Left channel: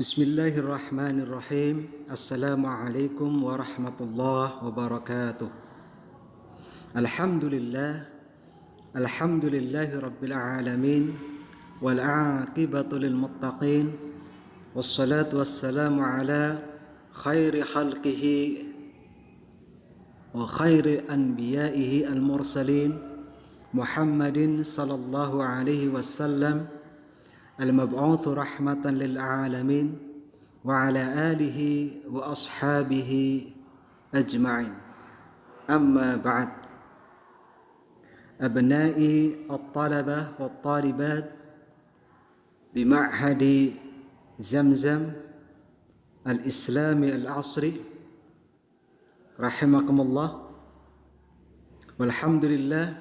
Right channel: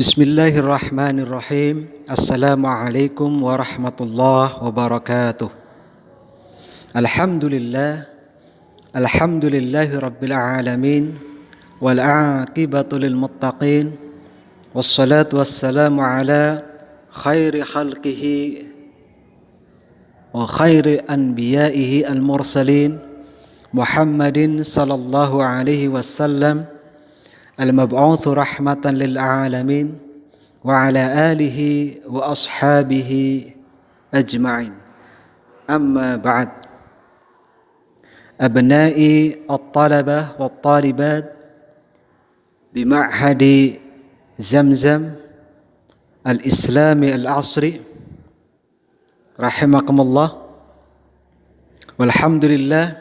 Bismillahirrahmanirrahim. Assalamualaikum warahmatullahi wabarakatuh. Alhamdulillah. Alhamdulillahi rabbil alamin. Wal aqibatu lil muttaqin. Wassalatu wassalamu ala khairi khalqihi wa khairi anbiya'ihi al-mursalin Muhammadin sallallahu alaihi wasallam al-mab'utsu rahmatan lil alamin wa ala alihi wa ashabihi ajma'in. Amma ba'd. Abna'i at-talabah wa at-talibat bi ma'hadi Zamzam al-Islami al-Asri rahimakumullah. Walhamdulillah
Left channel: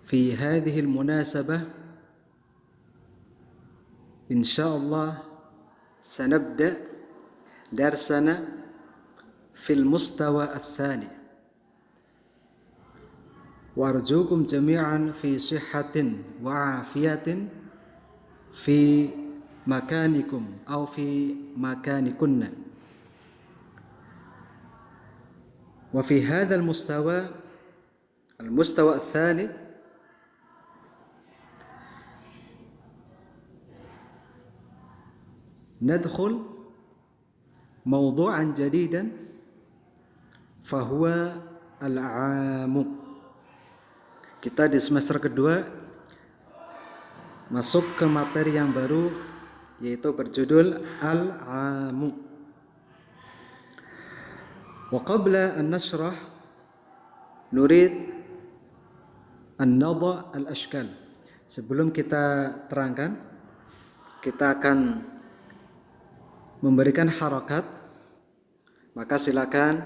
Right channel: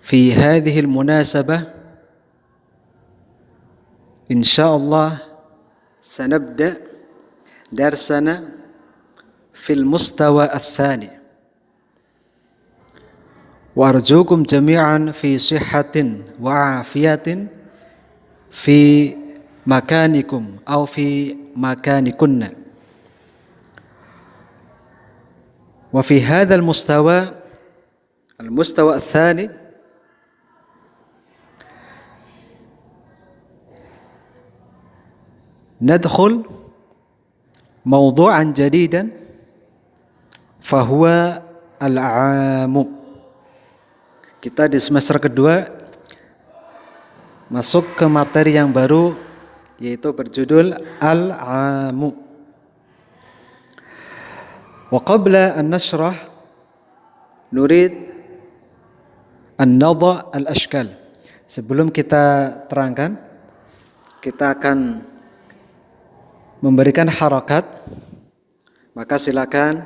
fi hadhihi al-munasabah إن شاء الله سنبدأ درسنا في المستوى الثاني وأرجوكم جميعا في صحة وعافية في مكانكم أو في مكانكن. وفي هذا المستوى الثاني ندخل موضوعا جديدا فهو العام. Kita di semester kedua masuk ke materi yang baru, yaitu berjudul Al-Amu. Wa qabla an nashrah nurid an nadha al-ashkal. Sebelum kita terangkan, kita akan memberikan harakat, maka silakan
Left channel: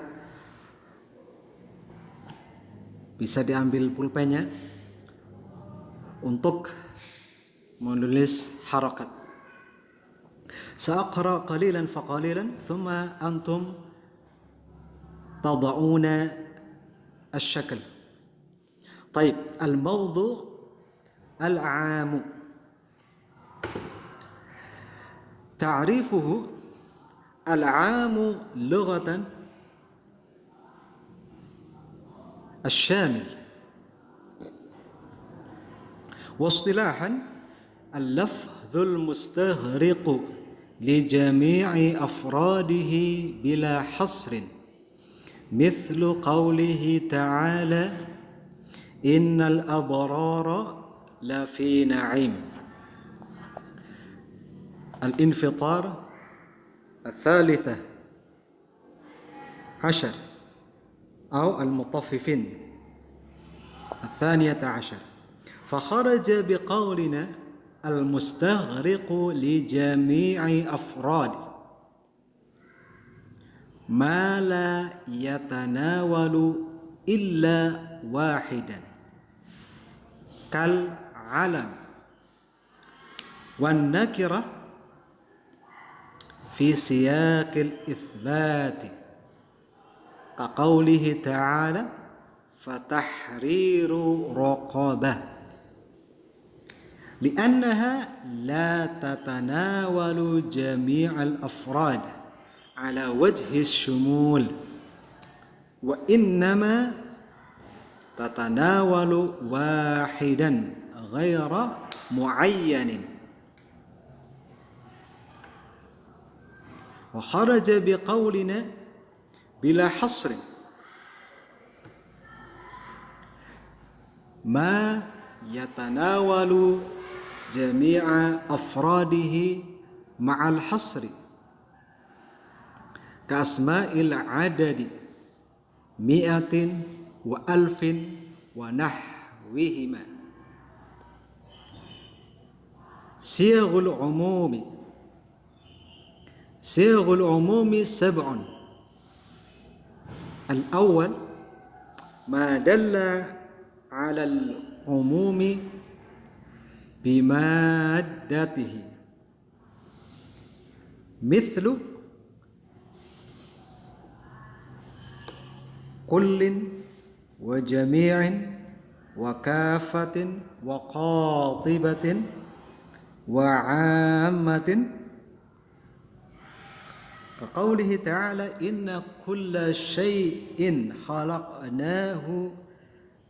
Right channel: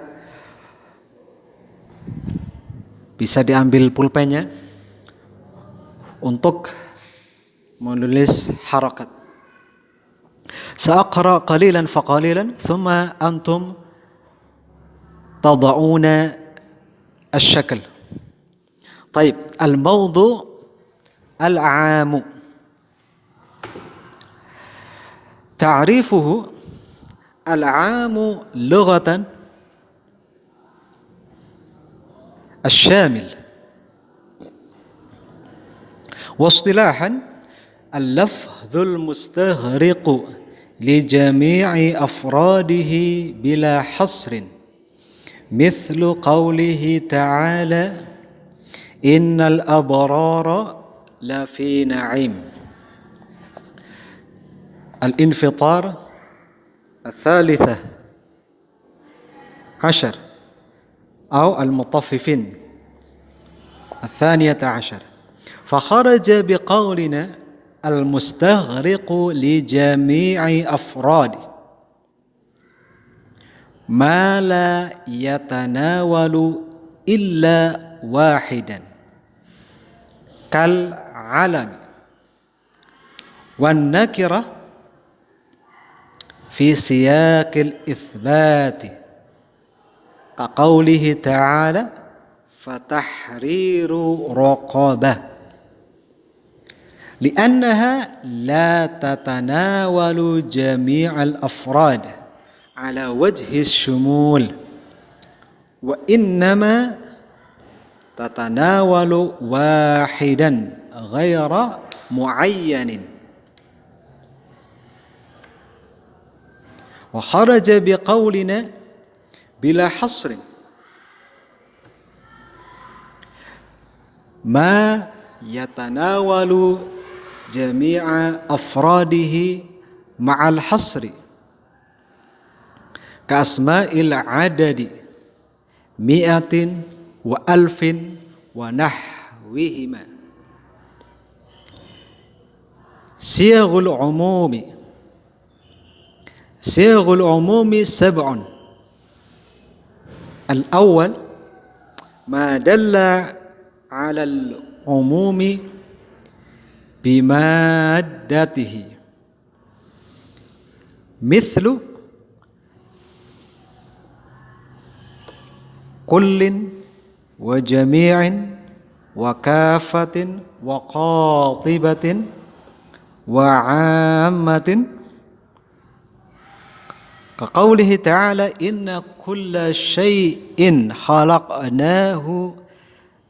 bisa diambil pulpennya untuk menulis harakat. Sa'aqra qalilan faqalilan thumma antum tada'una الشكل. طيب الموضوع العام. تعريفه العام لغة الشامل، واصطلاحا اللفظ المستغرق لجميع أفراده بلا حصر، مثل قوله تعالى إن الأبرار لفي نعيم. الانفطار الثالثة عشر أو المطففين الثانية عشر. فخرج بقولنا المستغرق لجميع أفراده ما لا يتناول إلا واحدا كالعلم والنكرة في سياق الإثبات كقوله تعالى فتحرير رقبة، لأنها لا تتناول جميع الأفراد على وجه الشمول، وإنما تتناول واحدا غير معين. وخرج بقولنا بلا حصر ما يتناول جميع أفراده مع الحصر كأسماء العدد 100 و1000 ونحوهما. صيغ العموم 7. الأول ما دل على العموم بمادته، مثل كل وجميع وكافة وقاطبة wa 'ammatin kaqaulihi ta'ala inna kulla syai'in khalaqnahu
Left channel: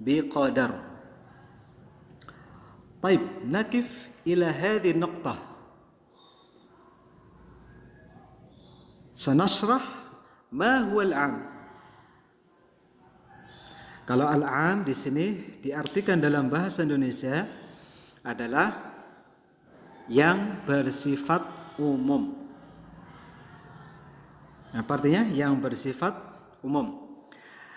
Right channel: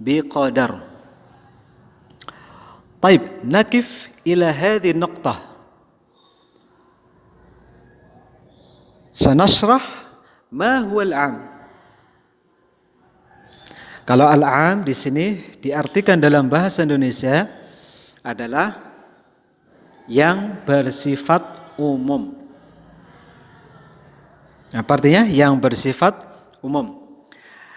biqadar. Taib, nakif ila hadhihi nuqtah. Sanashrah ma huwa al-'am. Kalau al-'am di sini diartikan dalam bahasa Indonesia adalah yang bersifat umum. Apa artinya? Yang bersifat umum.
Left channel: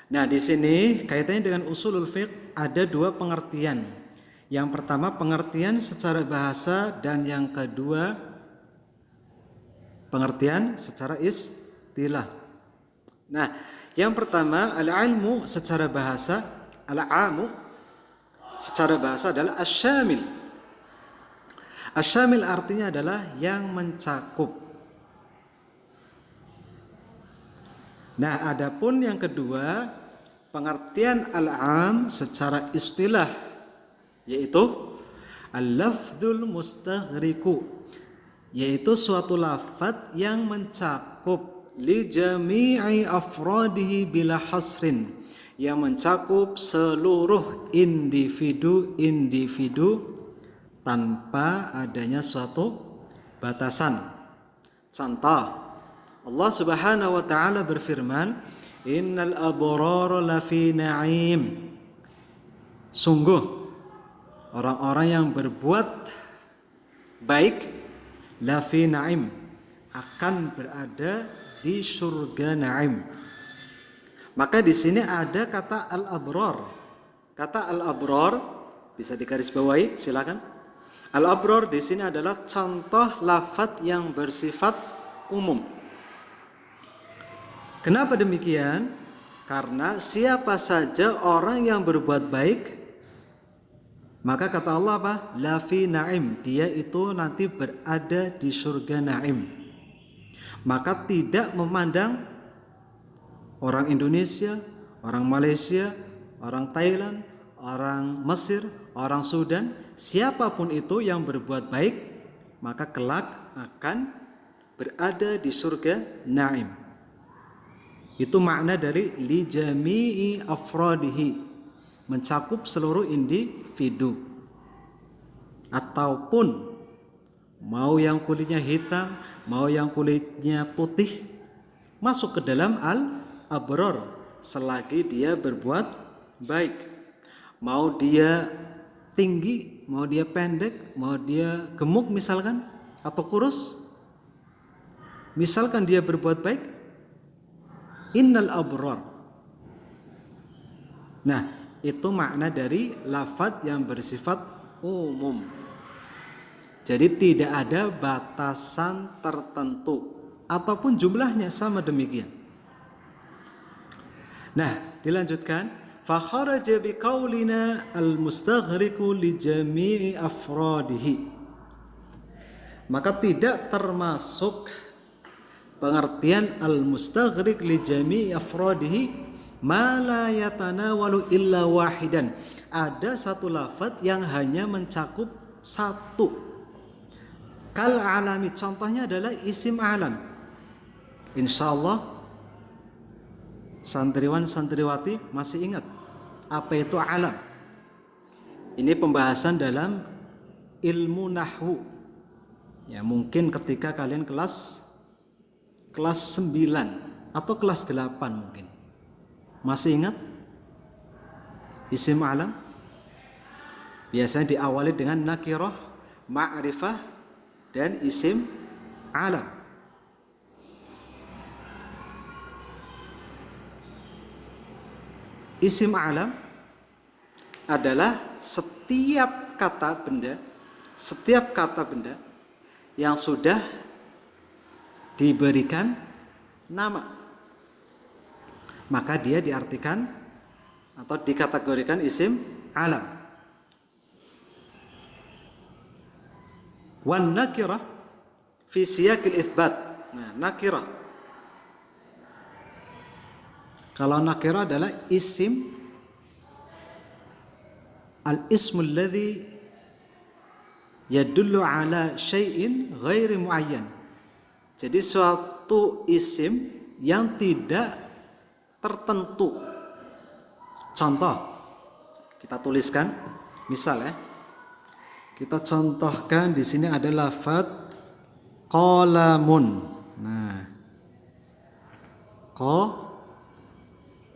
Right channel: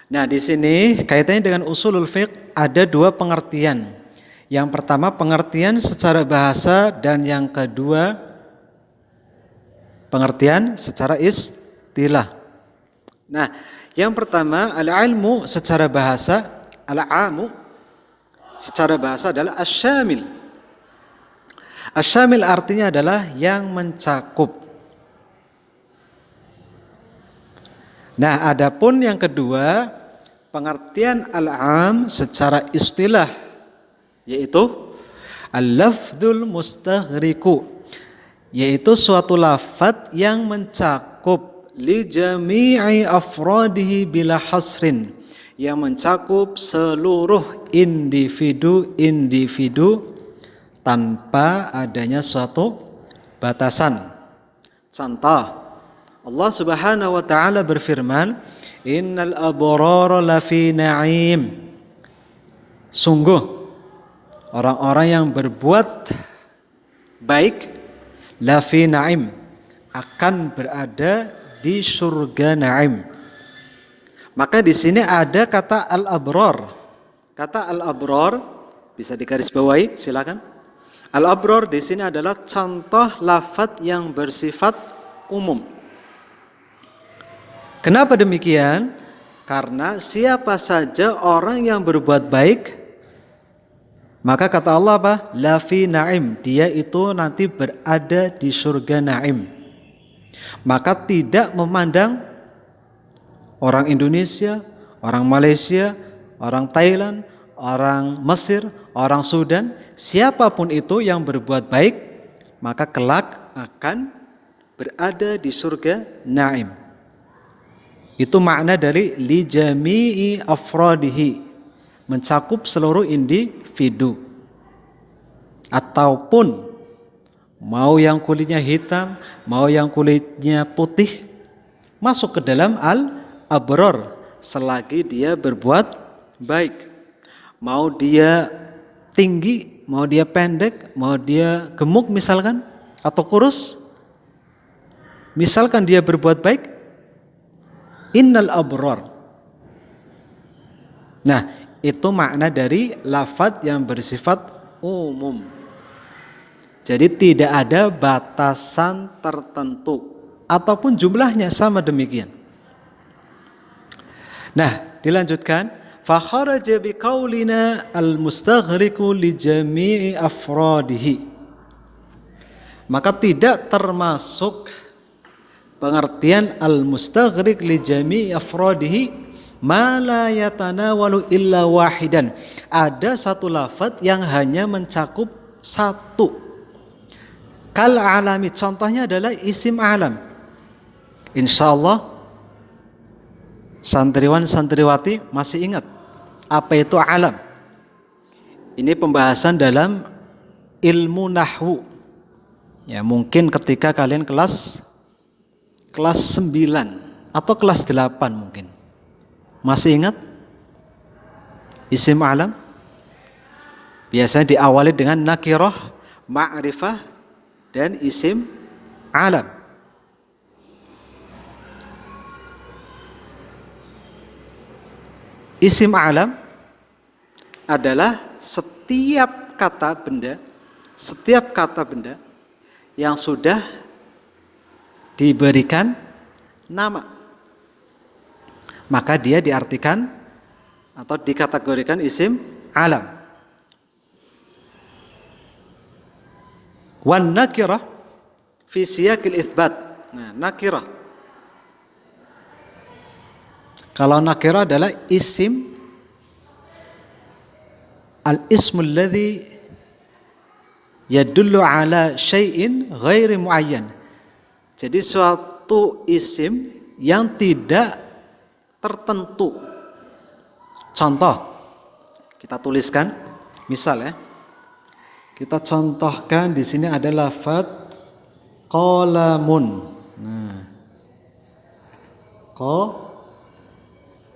Nah, di sini kaitannya dengan usulul fiqh ada dua pengertian. Yang pertama pengertian secara bahasa dan yang kedua pengertian secara istilah. Nah, yang pertama al-ilmu secara bahasa, al-'amu secara bahasa adalah asyamil. Asyamil artinya adalah yang mencakup. Nah, adapun yang kedua, pengertian al-'am secara istilah yaitu al-lafdzul mustaghriqu, yaitu suatu lafadz yang mencakup li jami'i afradihi bila hasrin, yang mencakup seluruh individu-individu tanpa adanya suatu batasan. Contoh, Allah Subhanahu wa taala berfirman, "Innal abrara lafi na'im." Sungguh orang-orang yang berbuat baik lafi na'im akan berada di surga na'im. Maka di sini ada kata al-abrar. Kata al-abrar bisa digarisbawahi, silakan. Al-abrar di sini adalah contoh lafadz yang bersifat umum. Kenapa demikian? Karena siapa saja orang yang berbuat baik, maka kata Allah apa? Lafi na'im, dia itu nanti berada di surga na'im. Maka tidak memandang orang Indonesia, orang Malaysia, orang Thailand, orang Mesir, orang Sudan, siapapun itu yang berbuat baik, maka kelak akan berada di surga na'im. Itu makna dari li jami'i afradihi, mencakup seluruh individu. Ataupun mau yang kulitnya hitam, mau yang kulitnya putih, masuk ke dalam al-abrar selagi dia berbuat baik. Mau dia tinggi, mau dia pendek, mau dia gemuk misalkan, atau kurus, misalkan dia berbuat baik, innal abrar. Nah, itu makna dari lafadz yang bersifat umum. Jadi tidak ada batasan tertentu ataupun jumlahnya sama demikian. Nah, dilanjutkan, fa kharaja bi qaulina al-mustaghriqu li jami'i afradihi. Maka tidak termasuk pengertian al-mustaghriq li jami'i afradihi ma la yatanawalu illa wahidan. Ada satu lafadz yang hanya mencakup satu. Kal alami, contohnya adalah isim alam. Insyaallah santriwan santriwati masih ingat apa itu alam. Ini pembahasan dalam ilmu nahwu. Ya, mungkin ketika kalian kelas 9 atau kelas 8 mungkin. Masih ingat isim alam? Biasanya diawali dengan nakirah, ma'rifah, dan isim alam. Isim alam adalah setiap kata benda yang sudah diberikan nama, maka dia diartikan atau dikategorikan isim alam. Wan nakirah fi siyaqil itsbat. Nah, nakirah. Kalau nakirah adalah isim, al-ismul ladzi yadullu ala syai'in ghairi muayyan. Jadi suatu isim yang tidak tertentu. Contoh, kita tuliskan, misal ya, kita contohkan di sini ada lafaz qalamun. Nah,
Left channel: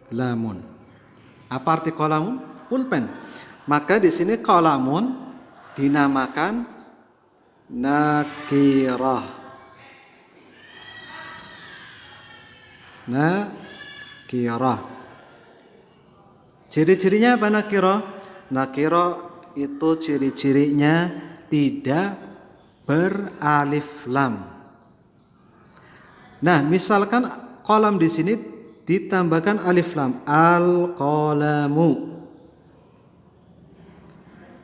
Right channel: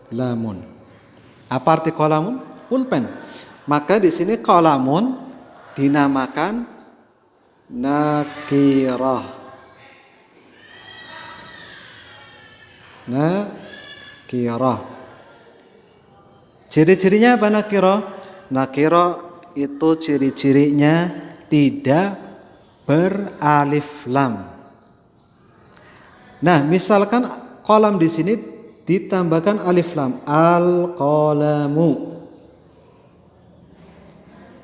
qalamun. Apa arti qalamun? Pulpen. Maka di sini qalamun dinamakan nakirah. Nakirah. Ciri-cirinya apa nakirah? Nakirah itu ciri-cirinya tidak beralif lam. Nah, misalkan qalam di sini ditambahkan alif lam, al-qalamu.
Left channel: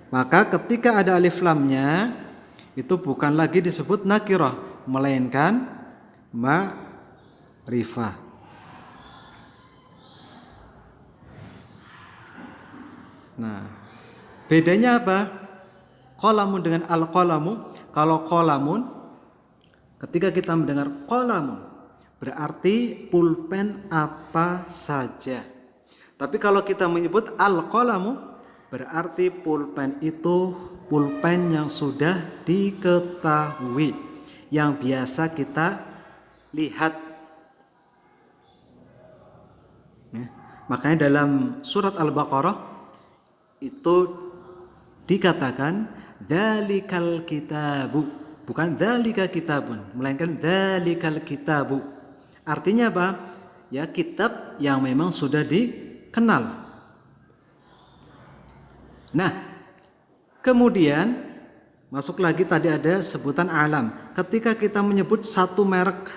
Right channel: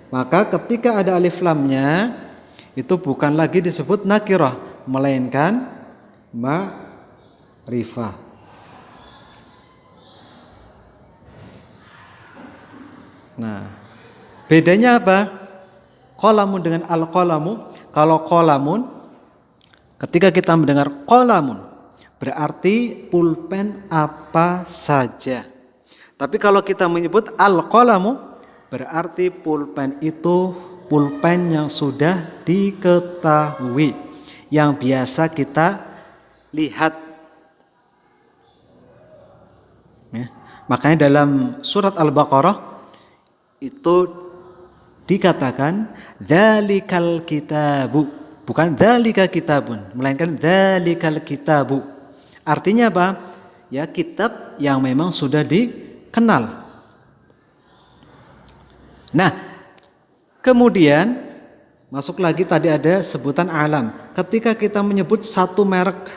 Maka ketika ada alif lamnya itu bukan lagi disebut nakirah, melainkan ma'rifah. Nah, bedanya apa? Qalamun dengan al-qalamu. Kalau qalamun, ketika kita mendengar qalamun, berarti pulpen apa saja. Tapi kalau kita menyebut al-qalamu, berarti pulpen itu pulpen yang sudah diketahui, yang biasa kita lihat. Ya. Makanya dalam surat Al-Baqarah itu dikatakan dzalikal kitabu, bukan dzalika kitabun, melainkan dzalikal kitabu. Artinya apa? Ya, kitab yang memang sudah dikenal. Nah, kemudian masuk lagi tadi ada sebutan alam. Ketika kita menyebut satu merek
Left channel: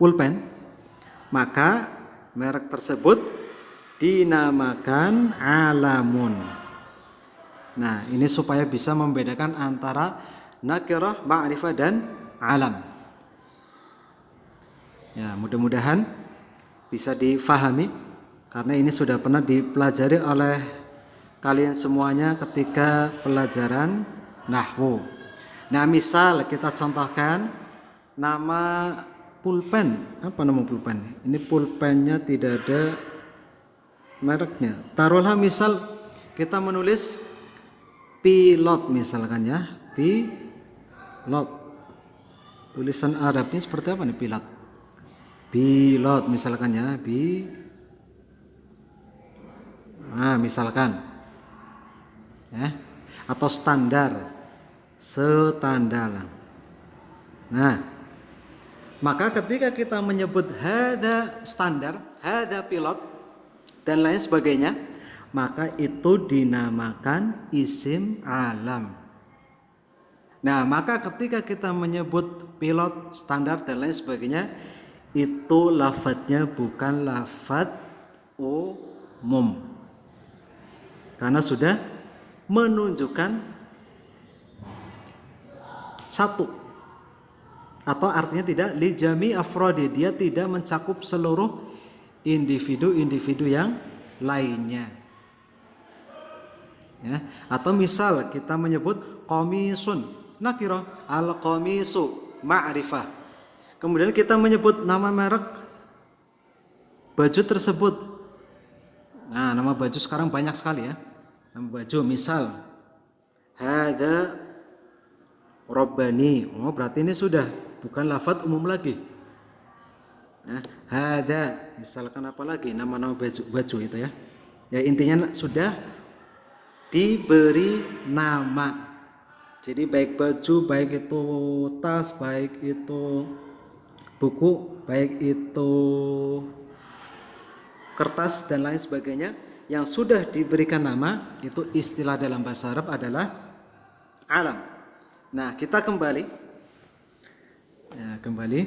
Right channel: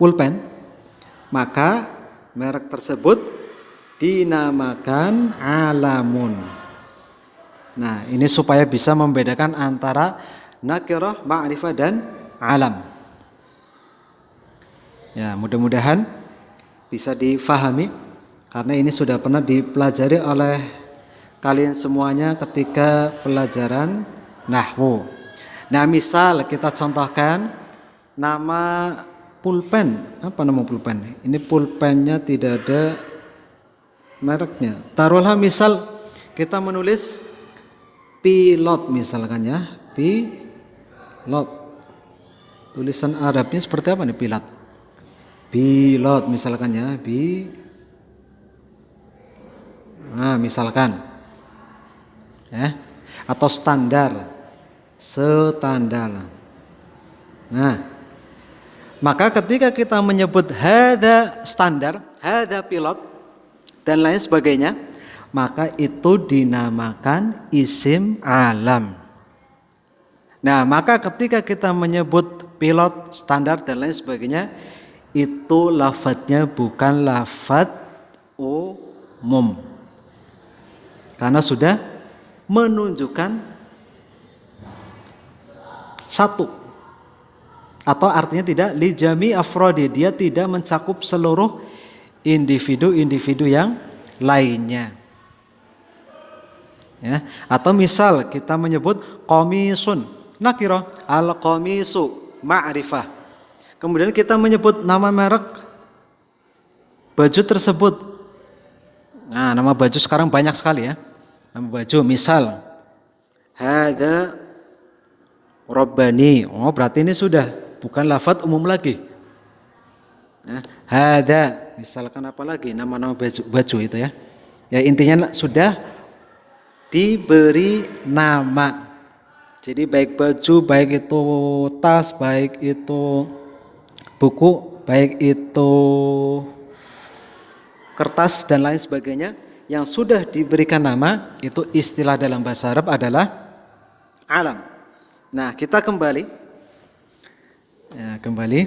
pulpen, maka merek tersebut dinamakan alamun. Nah, ini supaya bisa membedakan antara nakirah, ma'rifah dan alam. Ya, mudah-mudahan bisa difahami karena ini sudah pernah dipelajari oleh kalian semuanya ketika pelajaran nahwu. Nah, misal kita contohkan nama pulpen. Apa nama pulpen? Ini pulpennya tidak ada mereknya. Taruhlah misal kita menulis pilot misalkan ya, pilot. Tulisan Arabnya seperti apa nih pilot? Pilot misalkan ya, nah misalkan ya, atau standar. Nah, maka ketika kita menyebut hadza standar, hadza pilot dan lain sebagainya, maka itu dinamakan isim alam. Nah, maka ketika kita menyebut pilot, standar dan lain sebagainya, itu lafadznya bukan lafadz umum, karena sudah menunjukkan satu, atau artinya tidak li jami afrodi, dia tidak mencakup seluruh individu-individu yang lainnya. Ya, atau misal kita menyebut qamisun nakirah, al-qamisu ma'rifah. Kemudian kita menyebut nama merek baju tersebut. Nah, nama baju sekarang banyak sekali ya. Nama baju misal hadza rabbani. Oh, berarti ini sudah bukan lafadz umum lagi. Hadza, misalkan apa lagi nama-nama baju itu ya. Ya intinya sudah diberi nama. Jadi baik baju, baik itu tas, baik itu buku, baik itu kertas dan lain sebagainya yang sudah diberikan nama, itu istilah dalam bahasa Arab adalah alam. Nah, kita kembali. Ya, kembali.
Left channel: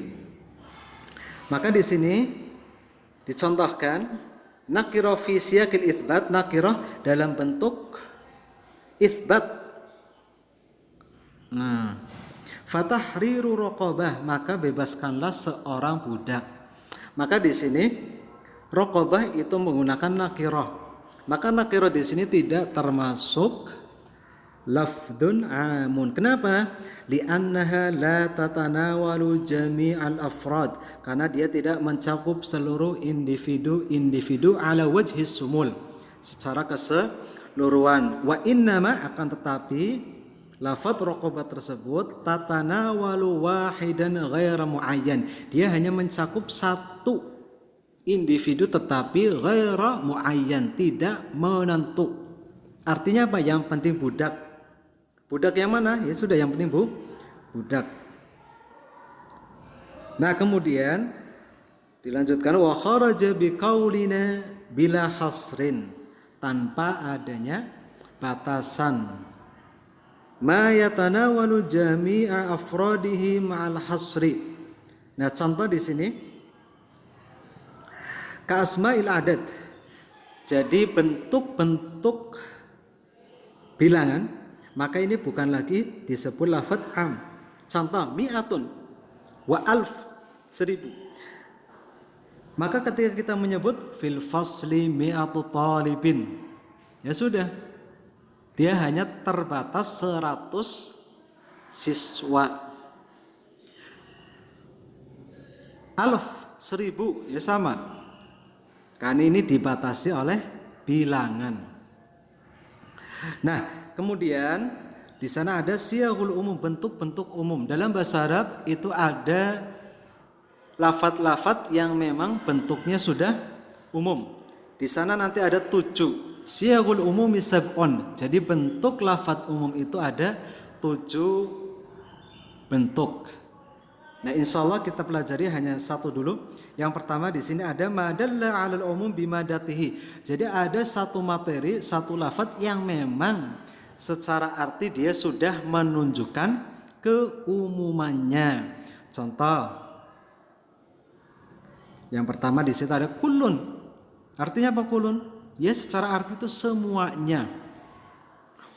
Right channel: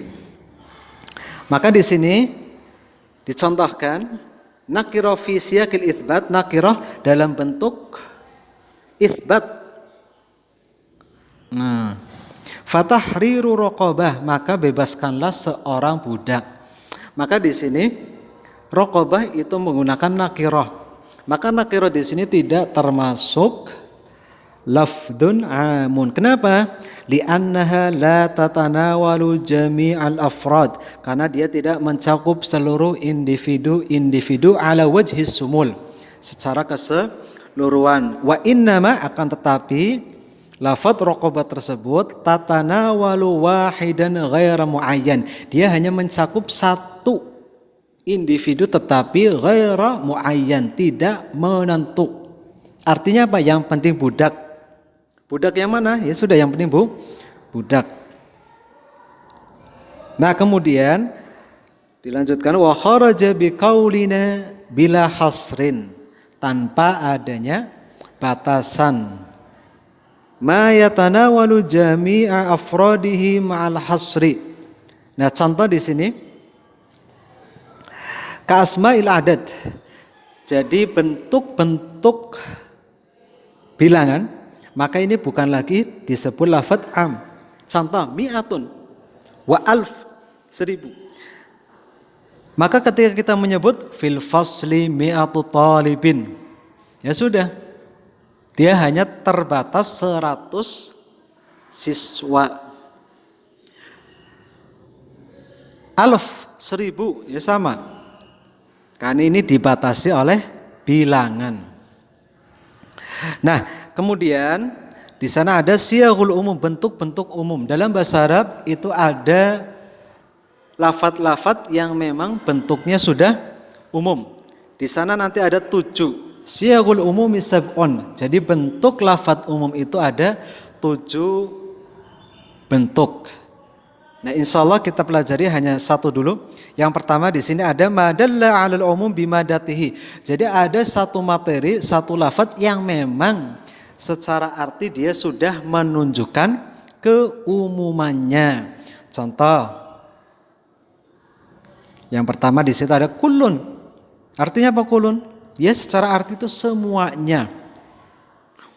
Maka di sini dicontohkan nakirah fi siyaqil itsbat, nakirah dalam bentuk itsbat. Nah, fatahriru raqabah, maka bebaskanlah seorang budak. Maka di sini raqabah itu menggunakan nakirah. Maka nakirah di sini tidak termasuk lafdun amun. Kenapa? Li'annaha la tatanawalu jami'al afrad. Karena dia tidak mencakup seluruh individu ala wajhis sumul, secara keseluruhan. Wa innama, akan tetapi lafadz raqabah tersebut tatanawalu wahidan ghaira muayyan. Dia hanya mencakup satu individu tetapi ghaira muayyan, tidak menentu. Artinya apa? Yang penting budak. Budak yang mana? Ya sudah, yang penting budak. Nah, kemudian dilanjutkan wa kharaja biqaulina bila hasrin, tanpa adanya batasan. Ma yatanawalu jami'a afradihi ma'al hasri. Nah, contoh di sini ka asma'il adad. Jadi bentuk-bentuk bilangan, maka ini bukan lagi disebut lafadz am. Contoh mi'atun wa alf, 1000. Maka ketika kita menyebut fil fasli mi'atu talibin, ya sudah, dia hanya terbatas 100 siswa. Alf, 1000, ya sama. Kan ini dibatasi oleh bilangan. Nah, kemudian di sana ada siyaghul umum, bentuk-bentuk umum. Dalam bahasa Arab itu ada lafadz-lafadz yang memang bentuknya sudah umum. Di sana nanti ada 7. Siyaghul umumi sab'un. Jadi bentuk lafadz umum itu ada 7 bentuk. Nah, insyaallah kita pelajari hanya satu dulu. Yang pertama di sini ada madalla 'alal umum bimadatihi. Jadi ada satu materi, satu lafadz yang memang secara arti dia sudah menunjukkan keumumannya. Contoh yang pertama di situ ada kullun. Artinya apa kullun? Ya, secara arti itu semuanya.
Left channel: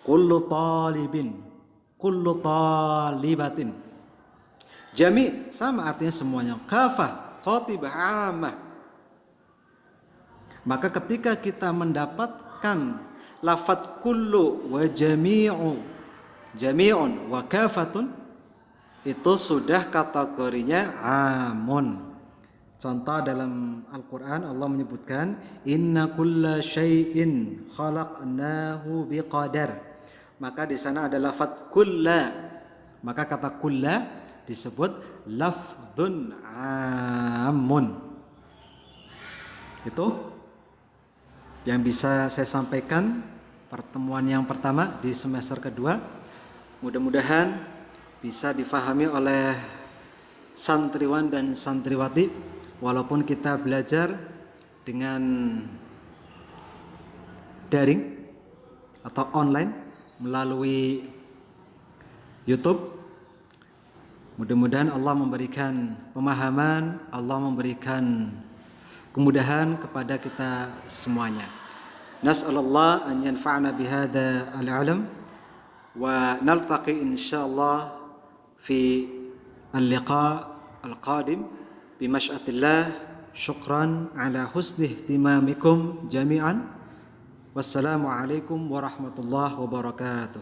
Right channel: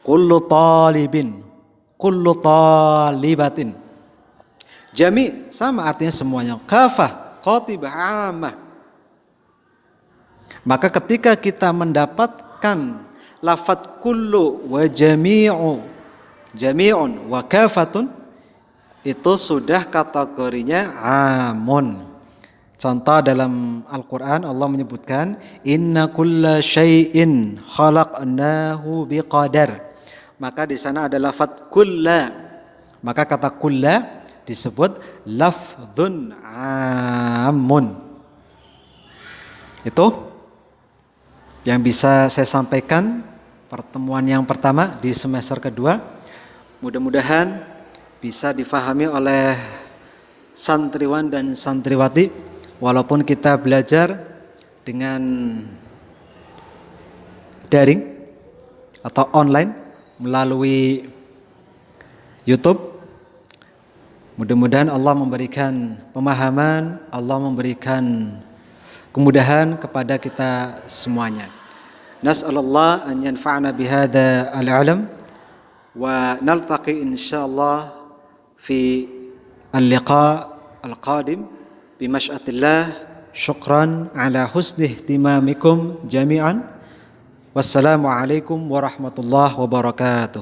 Kullu talibin, kullu talibatin. Jami' sama artinya semuanya. Kafah, qatibah, ammah. Maka ketika kita mendapatkan lafadz kullu wa jami'u, jami'un wa kafatun, itu sudah kategorinya amun. Contoh dalam Al-Quran Allah menyebutkan inna kulla syai'in khalaqnahu biqadar. Maka di sana ada lafadz kulla. Maka kata kulla disebut lafdzun amun. Itu yang bisa saya sampaikan pertemuan yang pertama di semester kedua. Mudah-mudahan bisa difahami oleh santriwan dan santriwati. Walaupun kita belajar dengan daring atau online melalui YouTube, mudah-mudahan Allah memberikan pemahaman, Allah memberikan kemudahan kepada kita semuanya. Nas'alullah an yanfa'ana bihadza al-'ilm wa naltaqi insyaallah fi al-liqa al-qadim bimasyatillah. Syukran ala husni ihtimamikum jami'an. Wassalamualaikum warahmatullahi wabarakatuh.